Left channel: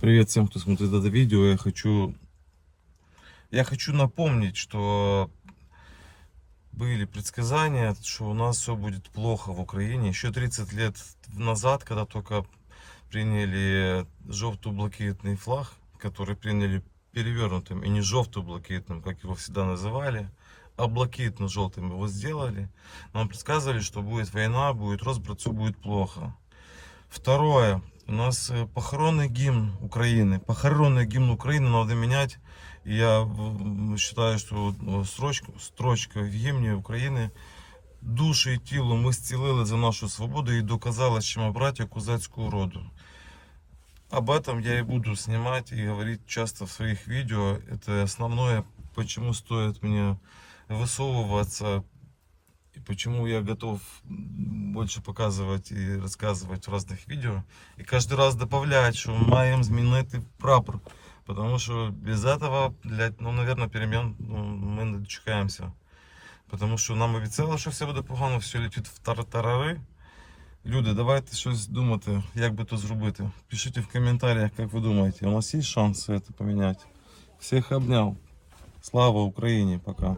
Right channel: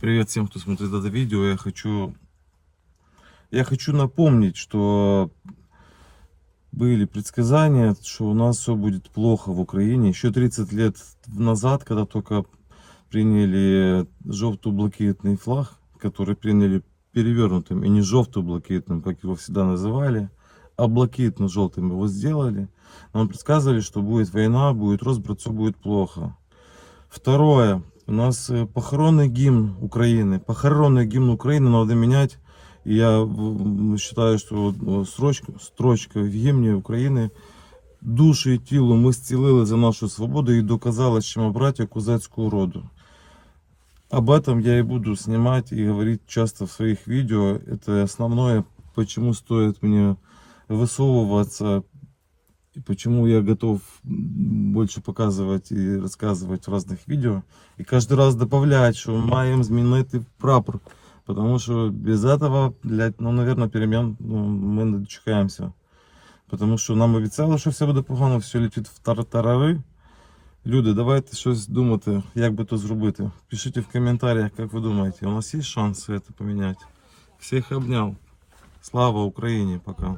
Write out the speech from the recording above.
Привет всем, кто смотрит это видео. Я хочу, я хочу напомнить, что были предсказания, что у нас все будет плохо в Украине. Еще 30 лет назад, когда только приняли желто-блакитный флаг, который приняли перевернутым, и не желто-блакитным, как его всегда называли, а блакитно-желтым его сделали. Нам предсказывали, что будет война, будет разброд, все будет плохо. Второе. У нас э, похоронный гимн Украины. Похоронный гимн Украины надо менять. И я в- считаю, что э, строчка, строчка в гімні України душі і тіло ми зцілили за нашу свободу і доказали, що ми братья козацького роду. Об этом я и буду снимать и говорить часто в своих видео. Это основное, почему стоит мне высовываться и почему я готов больше показывать и рассказывать в разных видео. И каждый раз добавлять, что маем змінити прапор. Потому что без этого, блядь, ну, наверное, перемен ну, мы не дочекаемся. Потому що нам обіцяли, що все буде погано, все летить в тартарари. Люди, давайте щось думати, як би то зробити. Пишіть в коментарях, як ви думаєте, у нас є шанси це поміняти. Всіх обняв. Слава Україні, пока.